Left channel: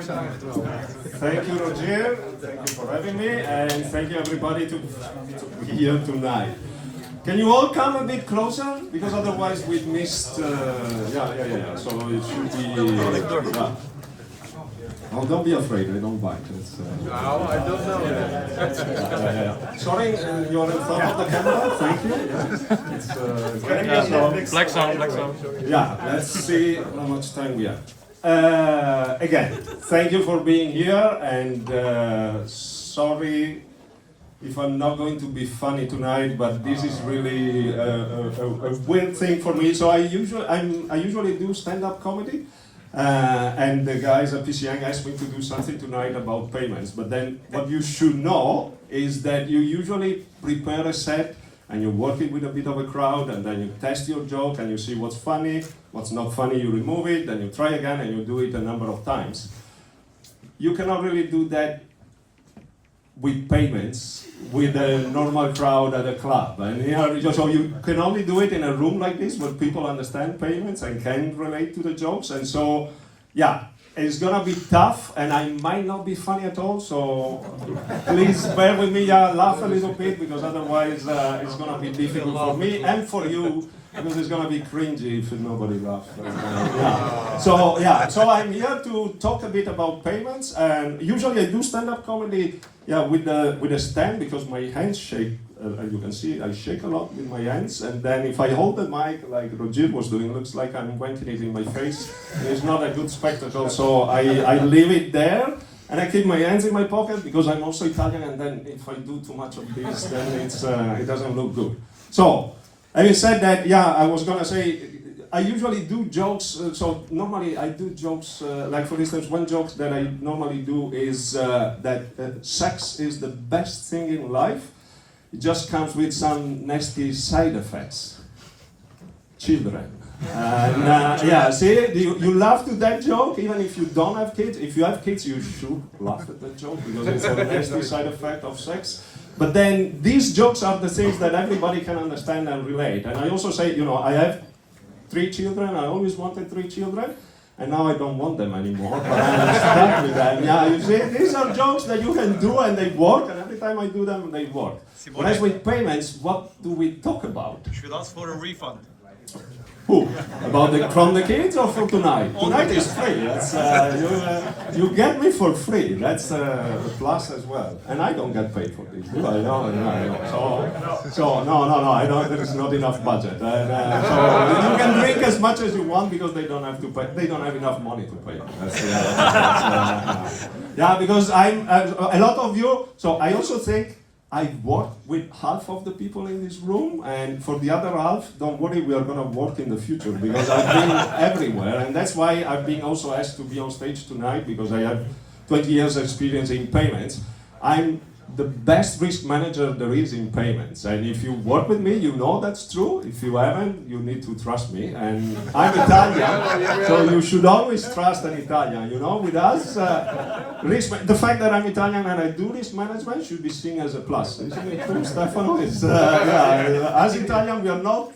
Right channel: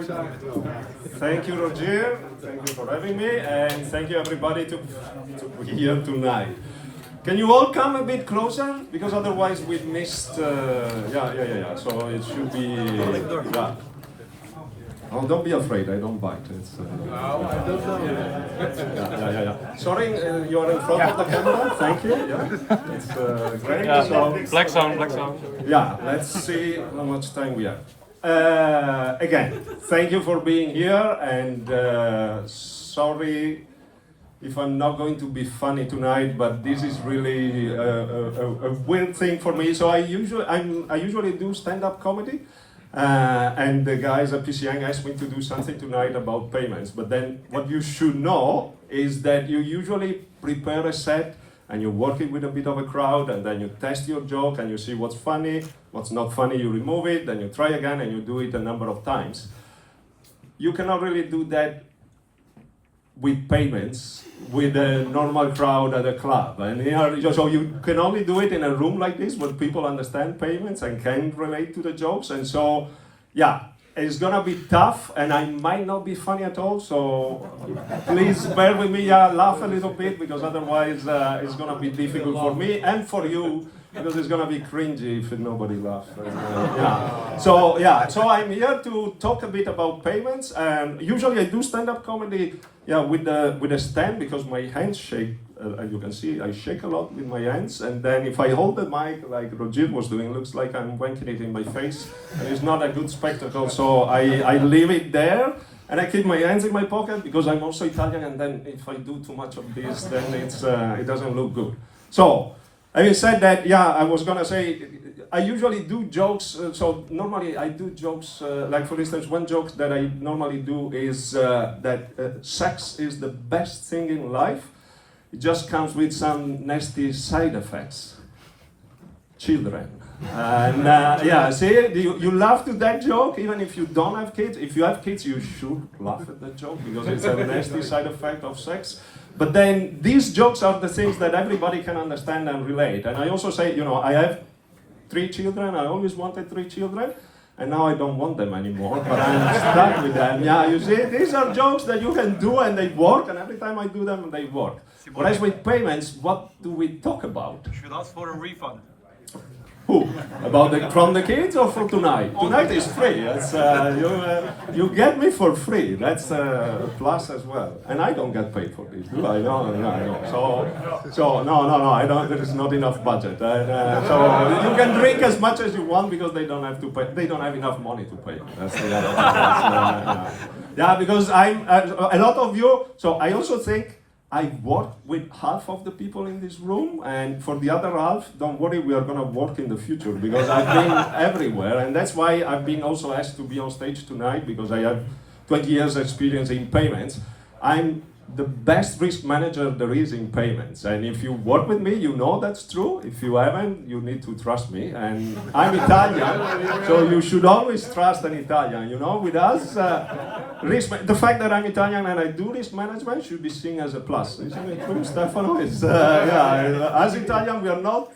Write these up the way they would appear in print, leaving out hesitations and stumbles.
Thank you, Roger. Thank you for having me, and thank you everybody to be here tonight. Can you all come a bit closer? Because otherwise we've missed. Yeah. So it should be. Yeah. Oh, don't be afraid. I don't bite. It's, No, I don't know. yeah. Sorry, you're in front of the camera. Thank you. Yeah. It's great. Yeah, So, black sound. yeah, let's see how much time we have. Again, thank you for being here, and sorry if I'm not going to be funny tonight, but this is really a weird thing for me. So I usually do stand-up comedy, and the guys at PCN asked me to do something tonight about payments. But then what you should know is that you usually prepare a set, and you work it with a bit of a crowd, and then you test your joke, and you see what's funny, what's not funny, you remove it, then you try again, and you do it a number of times. You cannot really do that with payments, with a normal crowd at a club. And so you can only do it in a room like this, where people understand payments and can relate to the jokes. And so, yeah, it's gonna be tough, and I might not be funny at all, so please bear with me, laugh a little bit, because otherwise it's gonna be difficult for me and for you, because it's gonna be cringy if nobody laughs. So I'm here to talk a bit about payments, and usually I do stand-up comedy, with a stand, because my hands shake. As you can see, I shake a lot with my hands, and then if I hold the mic like Roger was doing, it looks like I'm venting it in my face, and it's not a good spectacle, so I leave it there, and I keep my hands in my pocket, because I'm also Italian, and then if I do too much of this, then it doesn't look good. So, having said that, I was gonna say, I usually do jokes, so normally I do jokes, like for instance, one joke that I normally do is that sex is the best thing in life. It just comes with some nasty side effects. Children. And see, you laugh to that joke, even if you don't have kids. If you have kids, you should laugh at that joke, because it's a nasty side effect of sex. But then these jokes are the things that everybody can understand and relate. And I also say, I have 3 children. I always wanted 3 children. And now I don't want them anymore, but I'm stuck with them. Yeah, you see, these are jokes that you can do and they work, and every time I do them, they work. Whereas with payments, what do we talk about? You should ask for a refund. Who? From the kids or for tonight? Tonight is free. That's, you get me for free. That's a plus as well. And I don't get paid for this, do I? No. So no, I don't. There is not enough budget. And, so you can drink as much as you want, because they don't have to pay. They don't have enough money to pay. Because a lot of you. So I also think I work with half of the people in this room, and for the other half, don't worry, we are going to work in the future, because I've been everywhere, and that's why I've been also asked to be on stage tonight, because I have 20 years experience in payments. I'm the best risk manager there is in payments, and if you work with me, you know that's true. If you haven't, you need to trust me, and I'm Italian, so you should always trust an Italian, with us. The fact that I'm Italian and I do risk management should be seen as a plus. Isn't it true, Stefano? As Italian, we are not,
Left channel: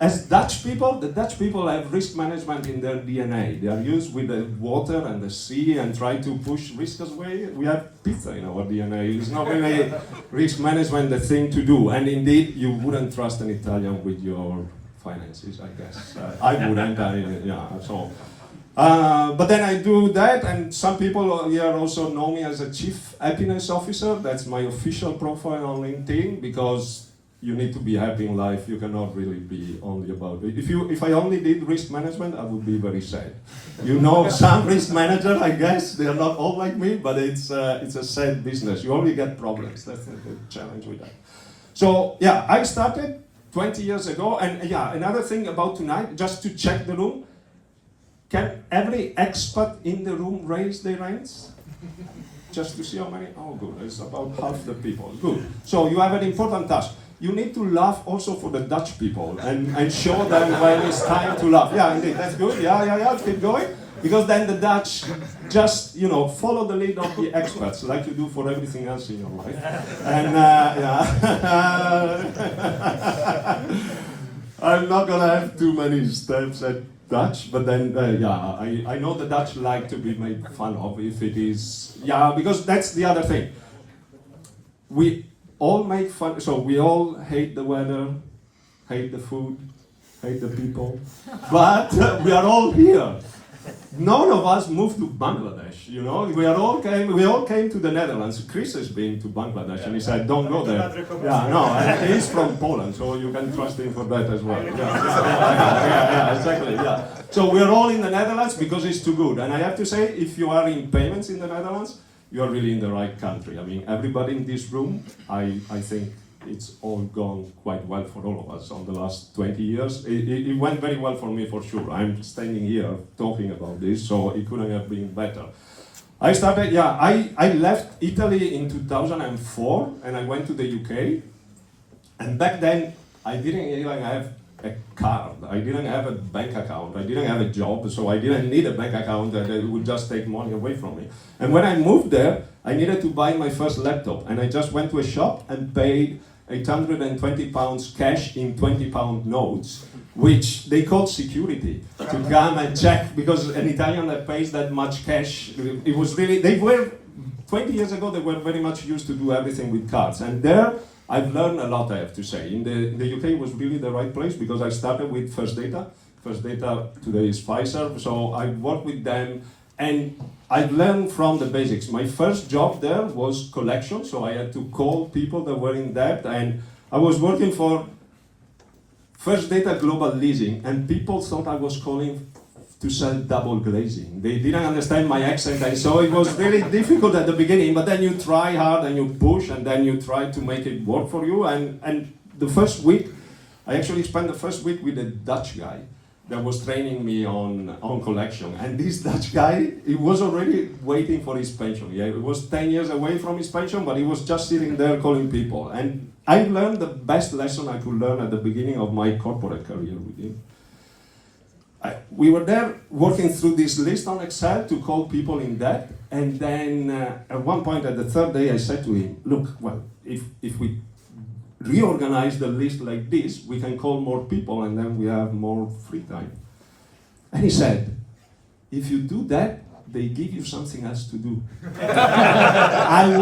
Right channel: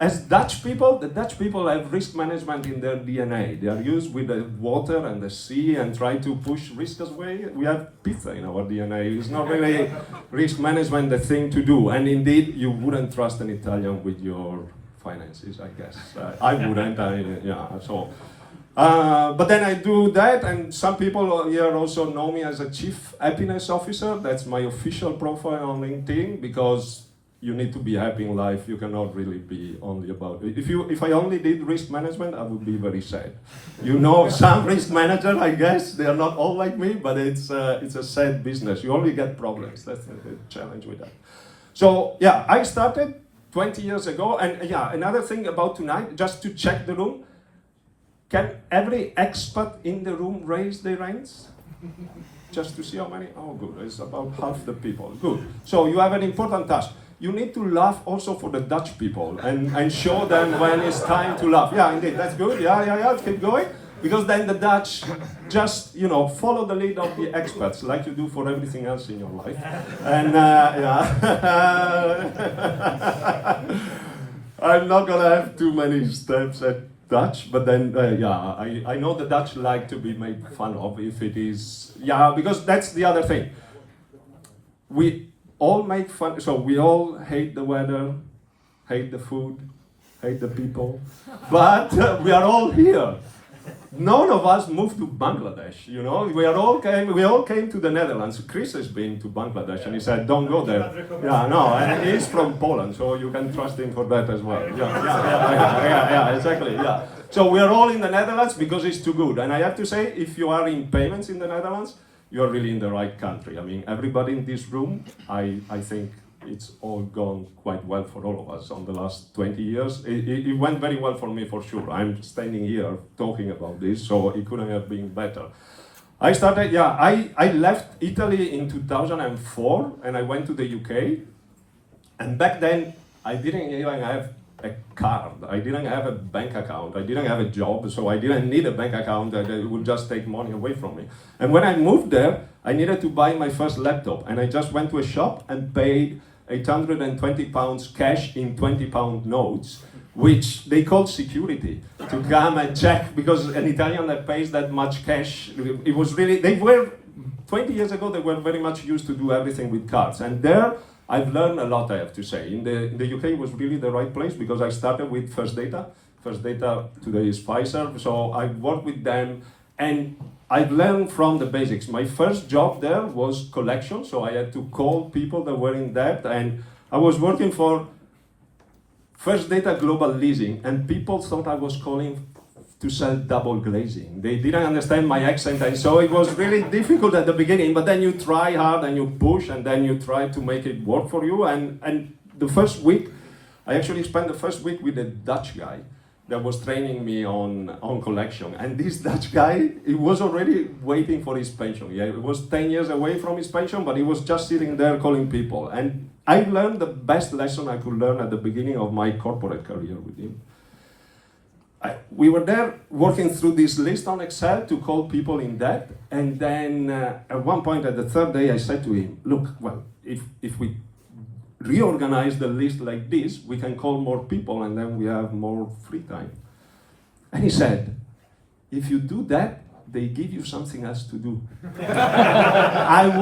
as Dutch people, the Dutch people have risk management in their DNA. They are used with the water and the sea and try to push risk away. We have pizza in our DNA. It's not really risk management the thing to do. And indeed, you wouldn't trust an Italian with your finances, I guess. I wouldn't. But then I do that, and some people here also know me as a Chief Happiness Officer. That's my official profile on LinkedIn, because you need to be happy in life. You cannot really be only about it. If I only did risk management, I would be very sad. Some risk managers, I guess, they are not all like me, but it's a sad business. You only get problems. That's the challenge with that. So I started 20 years ago, and another thing about tonight, just to check the room, can every expert in the room raise their hands? Just to see how many? Oh, good. It's about half the people. Good. So you have an important task. You need to laugh also for the Dutch people and show them when it's time to laugh. Yeah, indeed. That's good. Yeah. Keep going. Because then the Dutch just, follow the lead of the experts, like you do for everything else in your life. And I'm not gonna have too many steps. Dutch, but then I know the Dutch like to be made fun of if it is, because that's the other thing. We all make fun, so we all hate the weather, hate the food, hate the people, but we are all here. None of us moved to Bangladesh, you know. We all came to the Netherlands. Chris has been to Bangladesh, and he said, "Don't go there." Yeah, no, and he's from Poland, so you can trust him for that as well. Yeah, exactly. Yeah. So we are all in the Netherlands because it's too good. And I have to say, if you are in payments in the Netherlands, you are really in the right country. I mean, everybody in this room, I think it's all gone quite well for all of us on the last 20 years. It went very well for me, for sure. I'm standing here talking about this, so it couldn't have been better. I left Italy in 2004, and I went to the UK. And back then, I didn't even have a card. I didn't have a bank account. I didn't have a job, so I didn't need a bank account that would just take money away from me. And when I moved there, I needed to buy my first laptop, and I just went to a shop and paid £820 cash in £20 notes, which they called security, to come and check, because an Italian that pays that much cash, it was really, 20 years ago, they were very much used to do everything with cards. And there, I've learned a lot, I have to say. In the UK was really the right place, because I started with First Data. First Data today is Pfizer, so I worked with them, and I've learned from the basics. My first job there was collection, so I had to call people that were in debt, and I was working for First Data Global Leasing, and people thought I was calling to sell double glazing. They didn't understand my accent, and so it was really difficult at the beginning, but then you try hard and you push, and then you try to make it work for you, and the first week, I actually spent the first week with a Dutch guy that was training me on collection. And this Dutch guy, he was already waiting for his pension. Yeah, he was 10 years away from his pension, but he was just sitting there calling people. And I learned the best lesson I could learn at the beginning of my corporate career with him. We were there working through this list on Excel to call people in debt. And then at one point, at the third day, I said to him, look, well, if we reorganize the list like this, we can call more people, and then we have more free time. And he said, if you do that, they give you something else to do. And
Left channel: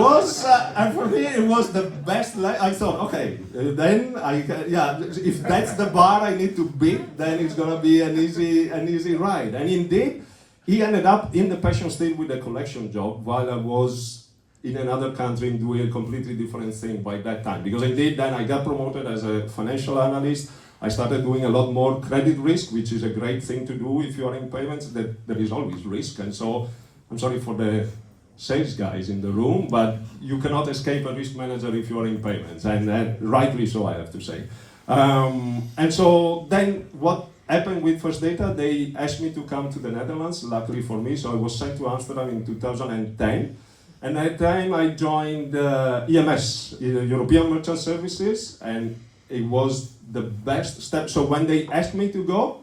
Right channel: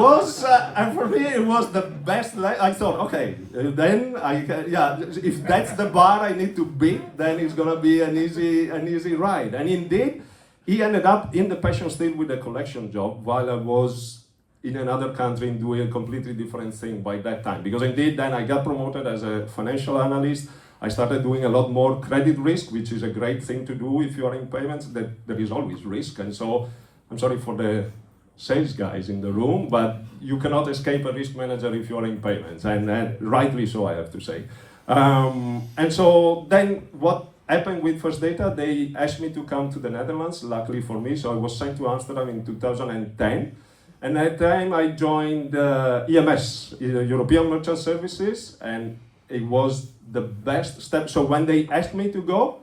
for me, it was the best. I thought, okay, then if that's the bar I need to beat, then it's gonna be an easy ride. And indeed, he ended up in the passion state with a collection job, while I was in another country doing a completely different thing by that time. Because indeed, then I got promoted as a financial analyst. I started doing a lot more credit risk, which is a great thing to do if you are in payments. There is always risk, and so I'm sorry for the sales guys in the room, but you cannot escape a risk manager if you are in payments, and rightly so, I have to say. And so then what happened with First Data, they asked me to come to the Netherlands, luckily for me, so I was sent to Amsterdam in 2010. And at that time I joined EMS, European Merchant Services, and it was the best step. So when they asked me to go,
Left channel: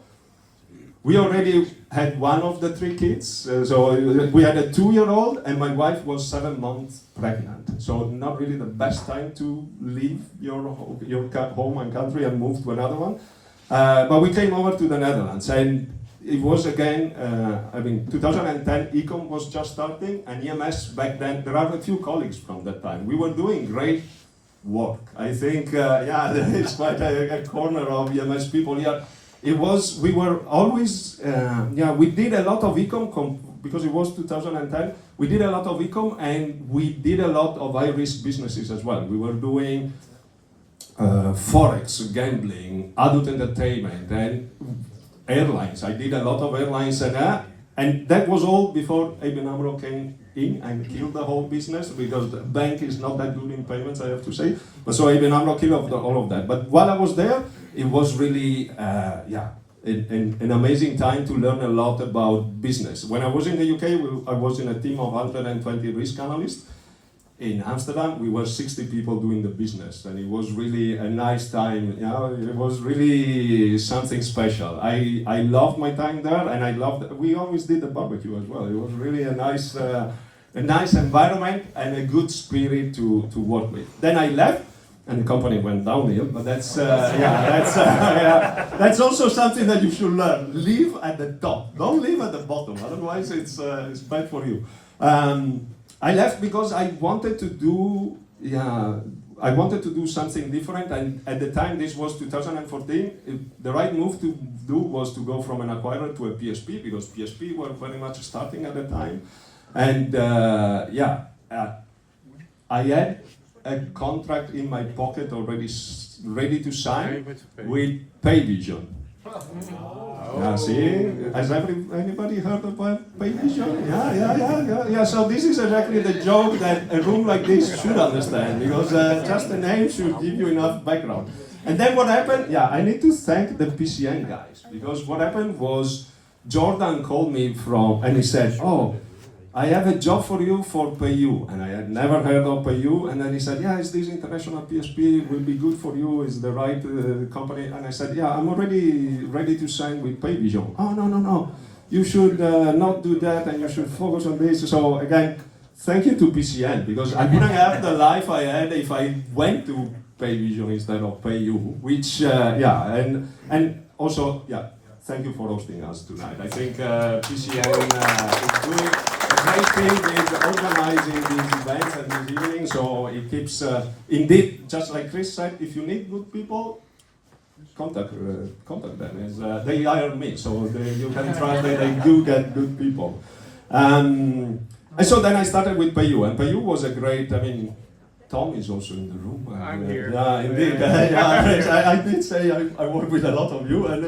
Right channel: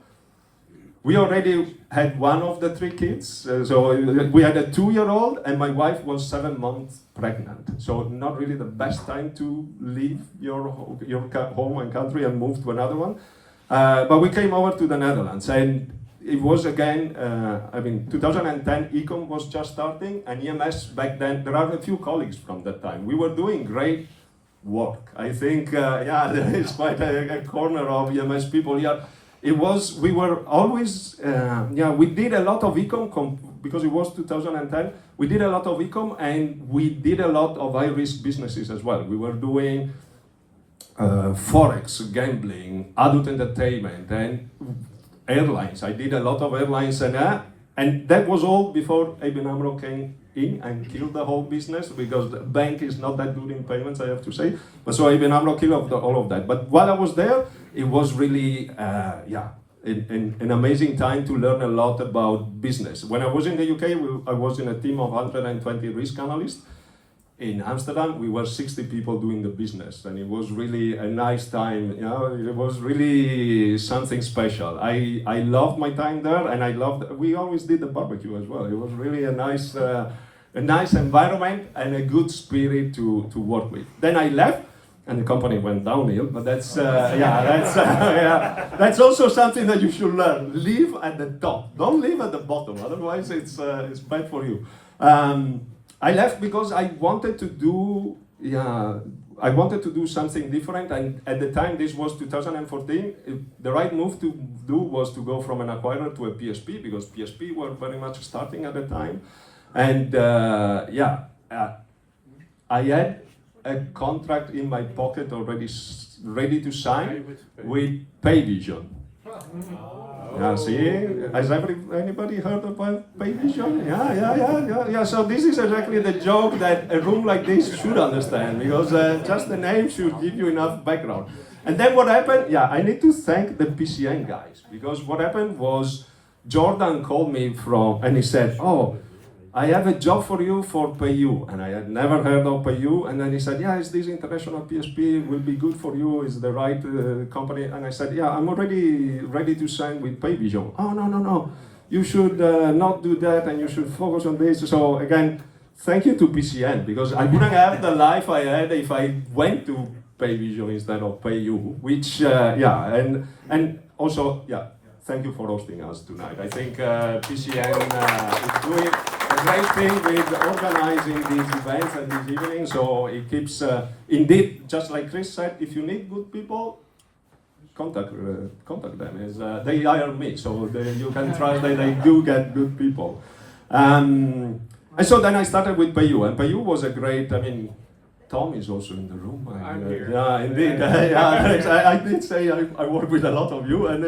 we already had one of the three kids. So we had a 2-year-old, and my wife was 7 months pregnant. So not really the best time to leave your home and country and move to another one. But we came over to the Netherlands, and it was again, 2010, Ecom was just starting, and EMS back then, there are a few colleagues from that time. We were doing great work. I think, there is quite a corner of EMS people here. We were always, we did a lot of Ecom, because it was 2010, we did a lot of Ecom, and we did a lot of high-risk businesses as well. We were doing Forex, gambling, adult entertainment, and airlines. I did a lot of airlines, and that was all before ABN AMRO came in and killed the whole business, because the bank is not that good in payments, I have to say. But so ABN AMRO killed all of that. But while I was there, it was really, an amazing time to learn a lot about business. When I was in the UK, I was in a team of 120 risk analysts. In Amsterdam, we were 60 people doing the business, and it was really a nice time. It was really something special. I loved my time there, and we always did the barbecue as well. It was really a nice environment and a good spirit to work with. Then I left, and the company went downhill. But that's that's also something that you should learn. Live at the top. Don't live at the bottom. Otherwise, it's bad for you. I left because I wanted to do something different, and at the time, this was 2014, the right move to do was to go from an acquirer to a PSP, because PSP were very much starting at the time. And I had a contract in my pocket already ready to sign with Payvision. Yeah, see, has anybody heard about Payvision? Yeah. So this is exactly the joke that a room like this should understand, because just the name should give you enough background. And then what happened? Yeah, I need to thank the PCN guys, because what happened was Jordan called me and he said, "Oh, I have a job for you for PayU," and I had never heard of PayU. And then he said, "Yeah, it's this international PSP, will be good for you, it's the right company." And I said, "Yeah, I'm already ready to sign with Payvision." "Oh, no, you should not do that, and you should focus on this." So again, thank you to PCN, because I wouldn't have the life I had if I went to Payvision instead of PayU, which, and also, thank you for hosting us tonight. I think PCN is doing a great thing with organizing these events and these evenings, so it keeps, indeed, just like Chris said, if you need good people, contact them. They hire me, so you can trust that they do get good people. And so then I started with PayU, and PayU was a great, Tom is also in the room. I'm here. Yeah, indeed. I did say I work with a lot of you, and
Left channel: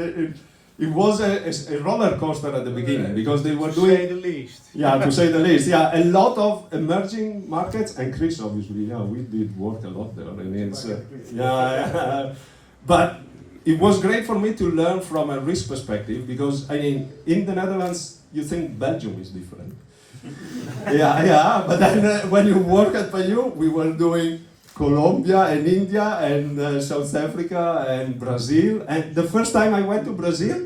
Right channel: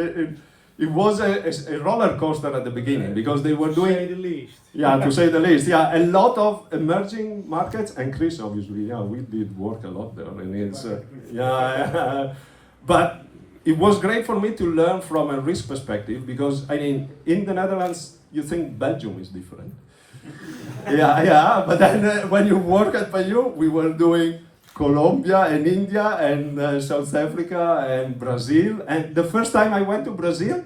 it was a roller coaster at the beginning, because they were doing, to say the least. Yeah, to say the least. Yeah, a lot of emerging markets, and Chris obviously. Yeah, we did work a lot there. It's but it was great for me to learn from a risk perspective, because in the Netherlands you think Belgium is different. But then when you work at PayU, we were doing Colombia and India and South Africa and Brazil. And the first time I went to Brazil,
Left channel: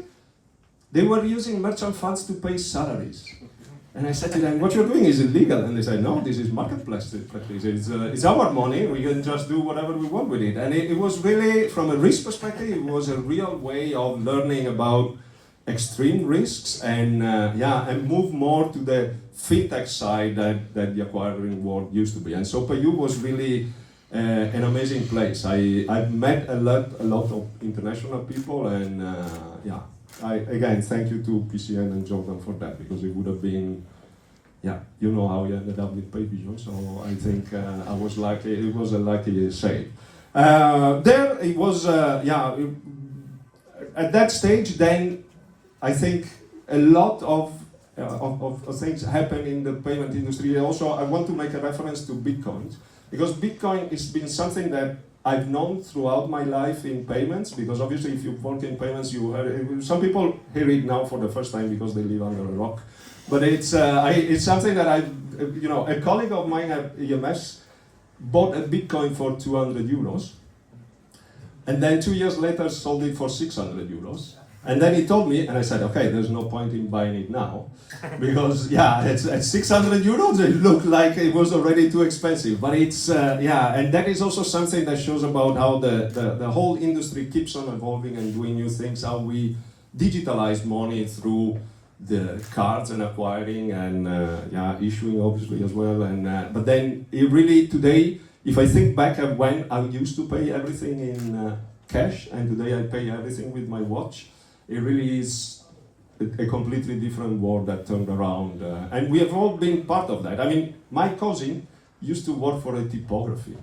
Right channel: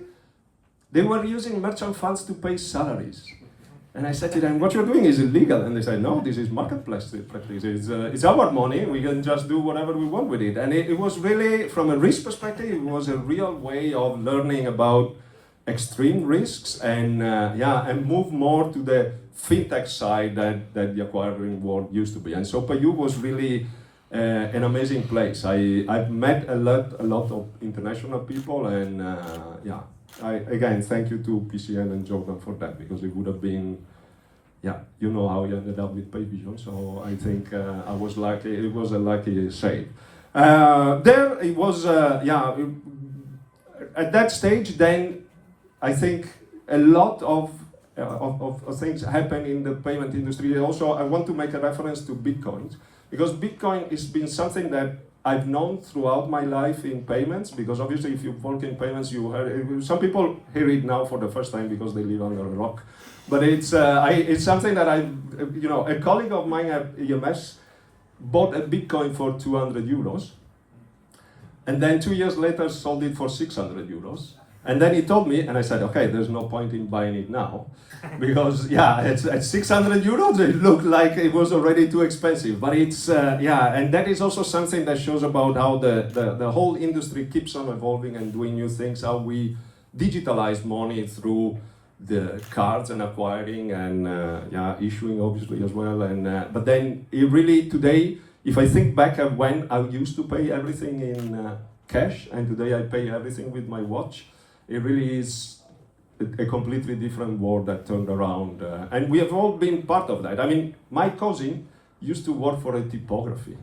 they were using merchant funds to pay salaries. And I said to them, "What you're doing is illegal." And they said, "No, this is marketplace practice. It's our money. We can just do whatever we want with it." And it was really, from a risk perspective, it was a real way of learning about extreme risks and move more to the fintech side that the acquiring world used to be. And so PayU was really an amazing place. I've met a lot of international people, and I again thank you to PCN and Jordan for that, because it would have been, you know how I ended up with Payvision. So I think I was lucky. It was a lucky save. There it was. At that stage, then I think a lot of things happen in the payment industry. Also, I want to make a reference to Bitcoin, because Bitcoin has been something that I've known throughout my life in payments, because obviously if you work in payments, some people hear it now for the first time because they live under a rock. But it's something that a colleague of mine at EMS bought a Bitcoin for 200 euros, and then 2 years later sold it for 600 euros. And then he told me, and I said, "Okay, there's no point in buying it now, because it's at 600 euros, it looked like it was already too expensive." But it's and that is also something that shows about how the whole industry keeps on evolving and doing new things. How we digitalize money through the cards and acquiring and issuing obviously as well. And but then it really today, if I think back at when I used to pay everything in cash, and today I pay everything with my watch. It really is a completely different world that turned around. And we have all been part of that. My cousin used to work for a typography.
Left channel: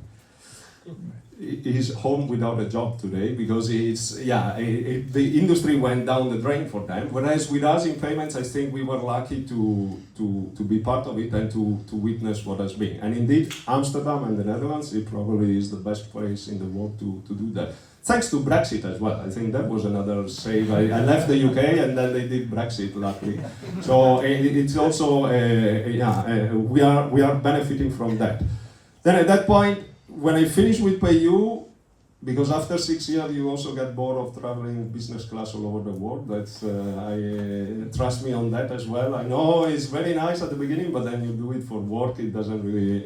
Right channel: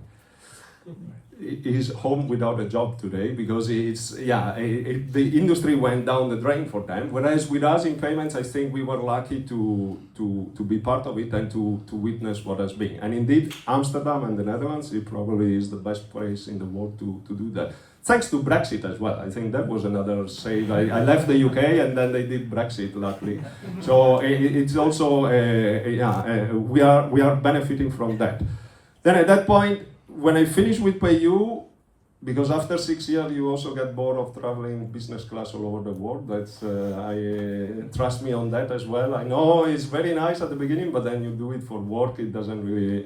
He's home without a job today, because the industry went down the drain for them. Whereas with us in payments, I think we were lucky to be part of it and to witness what has been. And indeed, Amsterdam and the Netherlands, it probably is the best place in the world to do that. Thanks to Brexit as well. I think that was another save. I left the UK and then they did Brexit, luckily. So it's also, we are benefiting from that. Then at that point, when I finished with PayU, because after 6 years you also get bored of traveling business class all over the world. That's trust me on that as well. I know it's very nice at the beginning, but then you do it for work, it doesn't really,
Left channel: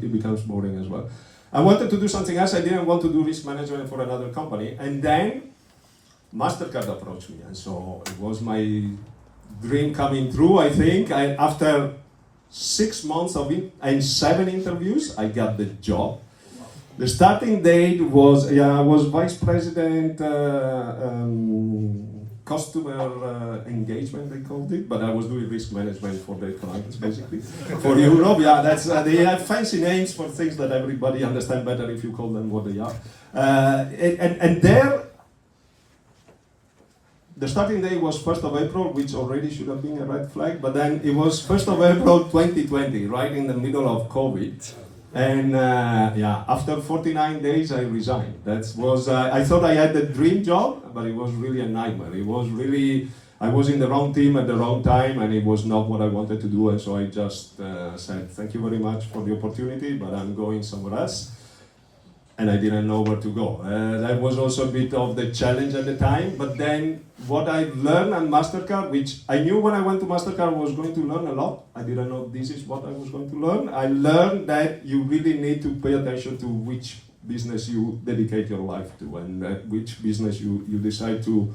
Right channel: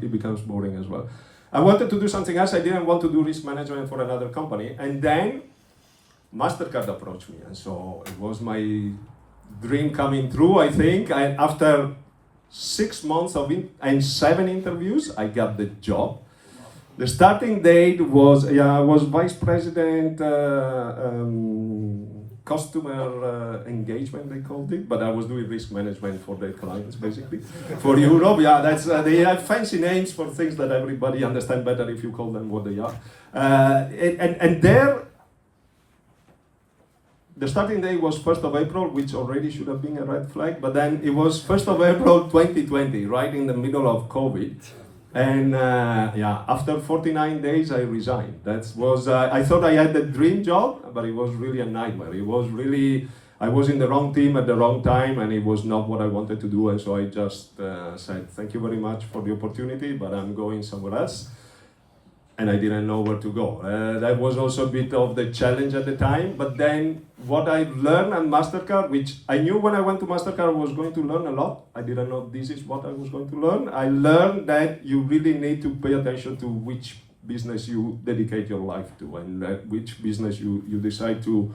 it becomes boring as well. I wanted to do something else. I didn't want to do risk management for another company. And then MasterCard approached me. And so it was my dream coming true, I think. After 6 months of it and 7 interviews, I got the job. The starting date was, I was vice president, customer engagement, they called it, but I was doing risk management for their clients, basically. For Europe, that's they have fancy names for things that everybody understands better if you call them what they are. And there, the starting day was 1st of April, which already should have been a red flag, but then it was 1st of April 2020, right in the middle of COVID. And after 49 days, I resigned. I thought I had the dream job, but it was really a nightmare. It was really, I was in the wrong team at the wrong time, and it was not what I wanted to do. And so I just said, thank you very much for the opportunity, but I'm going somewhere else. And I didn't know where to go. That was also a bit of the challenge at the time. But then what I learned at MasterCard, which I knew when I went to MasterCard I was going to learn a lot. I didn't know this is what I was going to learn. I learned that you really need to pay attention to which business you dedicate your life to and which business you decide to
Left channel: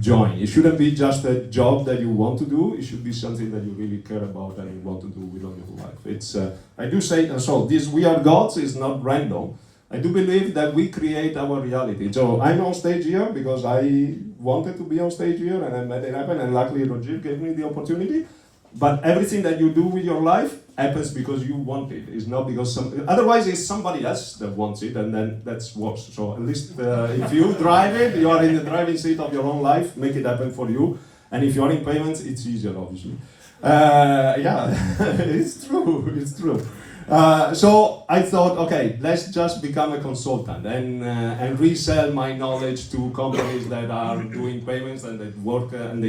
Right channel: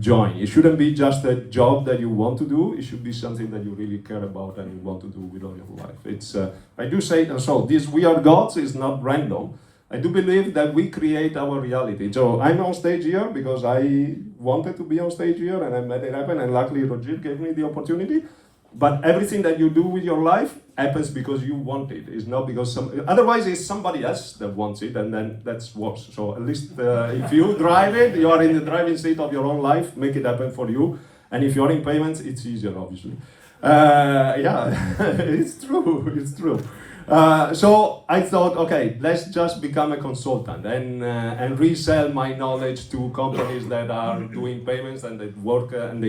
join. It shouldn't be just a job that you want to do. It should be something that you really care about and you want to do with all your life. It's I do say, so this We Are Gods is not random. I do believe that we create our reality. So I'm on stage here because I wanted to be on stage here and I made it happen, and luckily Roger gave me the opportunity. But everything that you do with your life happens because you want it. It's not because otherwise it's somebody else that wants it, and then that's worse. So at least if you drive it, you are in the driving seat of your own life, make it happen for you. And if you're in payments, it's easier, obviously. It's true. So I thought, okay, let's just become a consultant and resell my knowledge to companies that are doing payments and that work and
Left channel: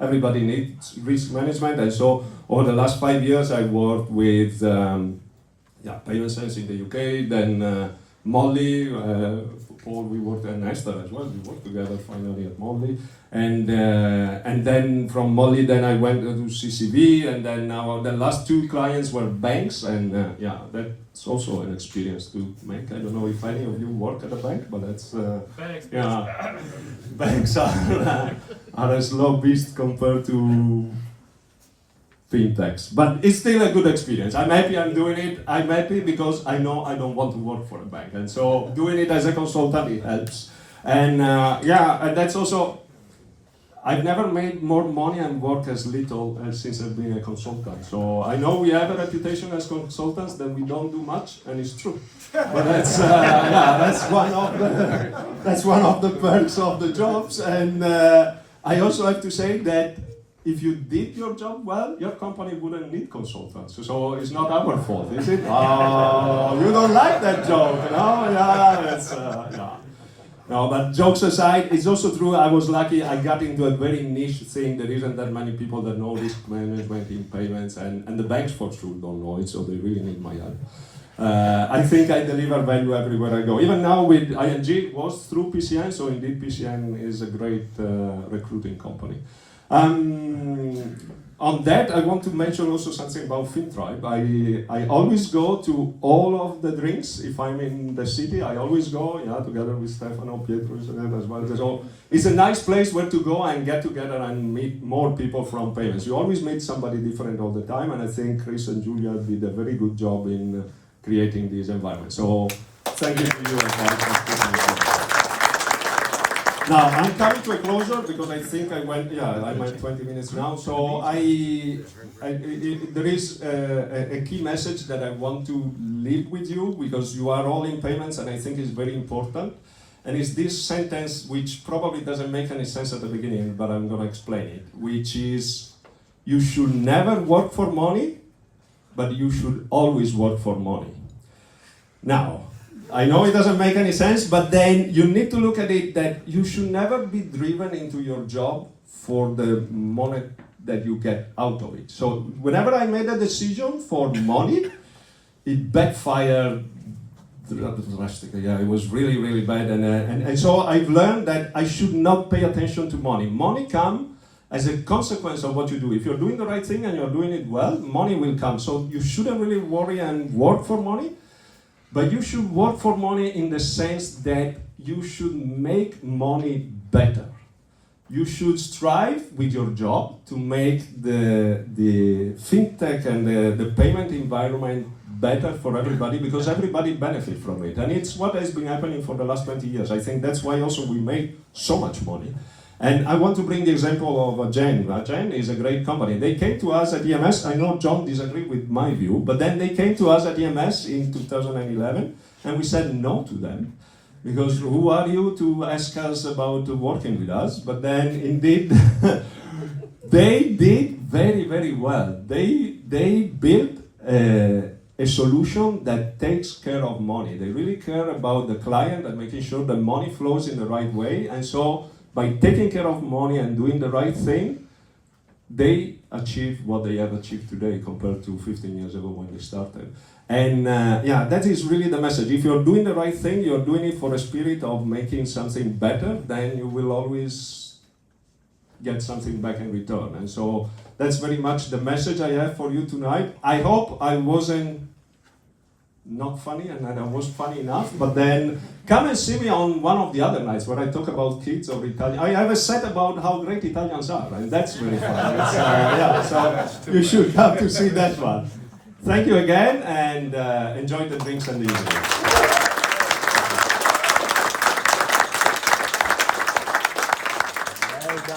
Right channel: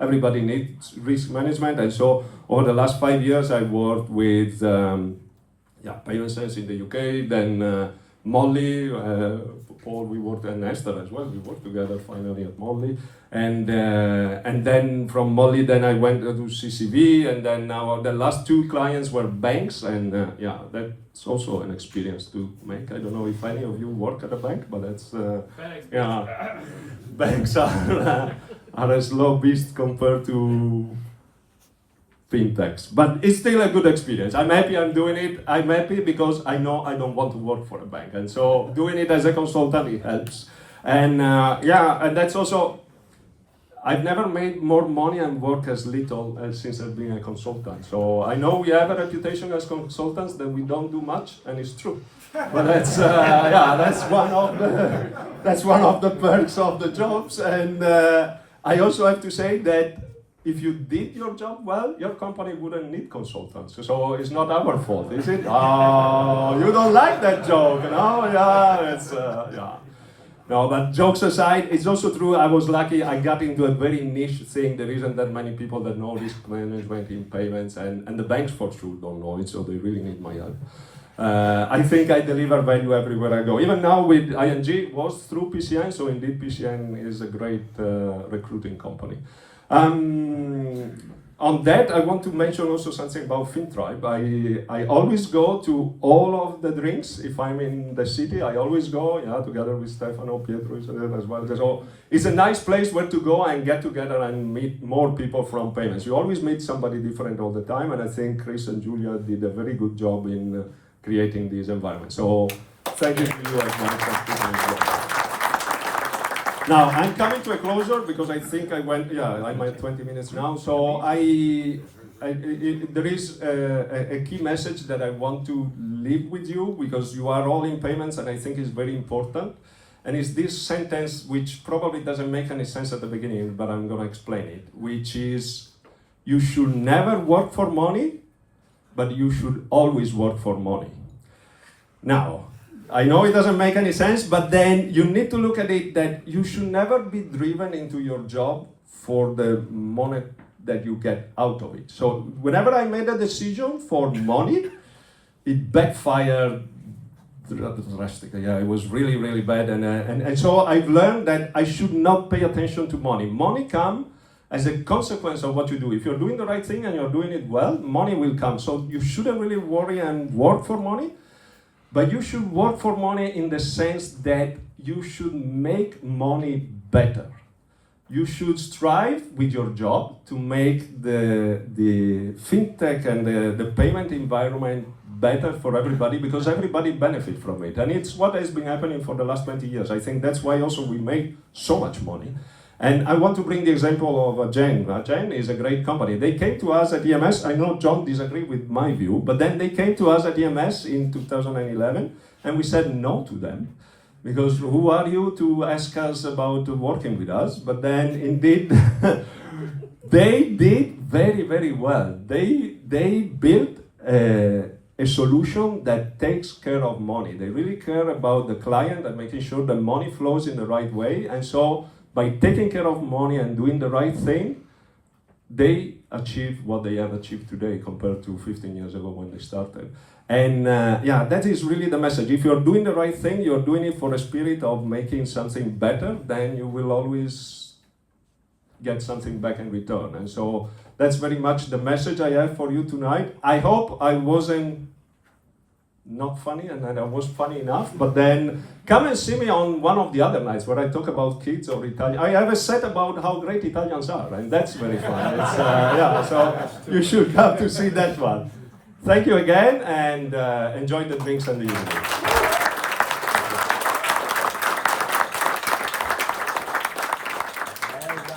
everybody needs risk management. And so over the last 5 years, I worked with Payment Sense in the UK, then Molly, Paul, we worked at Esther as well. We worked together finally at Molly. And then from Molly, then I went to CCV, and then now the last 2 clients were banks, and that's also an experience to make. I don't know if any of you work at a bank, but that's banks are a slow beast compared to fintechs, but it's still a good experience. I'm happy I'm doing it. I'm happy because I know I don't want to work for a bank, and so doing it as a consultant, it helps. And and that's also, I've never made more money and worked as little since I've been a consultant. So I know we have a reputation as consultants that we don't do much, and it's true. But that's one of the perks of the jobs. And I also have to say that if you did your job well, your company wouldn't need consultants. So it's not our fault, is it? Oh, you don't like that joke, no? Yeah. No, but jokes aside, it's also true. I was lucky. I got into a very niche thing. There isn't that many people that know risk management in payments, and the banks for sure don't know it, so they really need my help. I think I deliver value everywhere I go. Even now with ING, it was through PCN, so indeed PCN is a great recruiting company. On that, I want to mention also something about Fintribe. I always go to all of the drinks. If I'm in the city, I always go, together with Stefano, Pietro is there as well. So it's a nice place where to go and get together and meet more people from payments. You always meet somebody different all the time, and I think Chris and Julia did a very good job in creating this environment. So thank you to you as well. Now, I'm coming to a closure because I think I'm at 20 minutes now. So there is a key message that I want to leave with you, because you are all in payments, and I think it's very important. And it's this sentence which probably doesn't make any sense at the beginning, but I'm going to explain it, which is, you should never work for money, but you should always work for money. Now, I know it doesn't make any sense, but then you need to look at it that you should never be driven into your job for the money that you get out of it. So whenever I made a decision for money, it backfired drastically. It was really, really bad. And so I've learned that I should not pay attention to money. Money comes as a consequence of what you do. If you're doing the right thing and you're doing it well, money will come. So you shouldn't really worry and work for money. But you should work for money in the sense that you should make money better. You should strive with your job to make the fintech and the payment environment better for everybody, because everybody benefits from it. And it's what has been happening for the last 20 years. I think that's why also we make so much money. And I want to bring the example of Gen. Gen is a great company. They came to us at EMS. I know John disagreed with my view, but then they came to us at EMS in 2011, and we said no to them. Because who are you to ask us about working with us? But then indeed, they did very, very well. They built a solution that takes care of money. They really care about the client and making sure that money flows in the right way. And so by taking care of money and doing the right thing, they achieve what they have achieved today compared to 15 years ago when they started. And yeah, that is really the message. If you're doing the right thing, you're doing it for a spirit of making something better, then you will always get something back in return. And so that's very much the message I have for you tonight. I hope I wasn't not funny and that I was funny enough, but then come and see me on one of the other nights where I talk about kids or Italian. I have a set about how great Italians are, and that's very fun. It's, yeah, so you should have to see that one. Thank you again, and enjoy the drinks and the evening.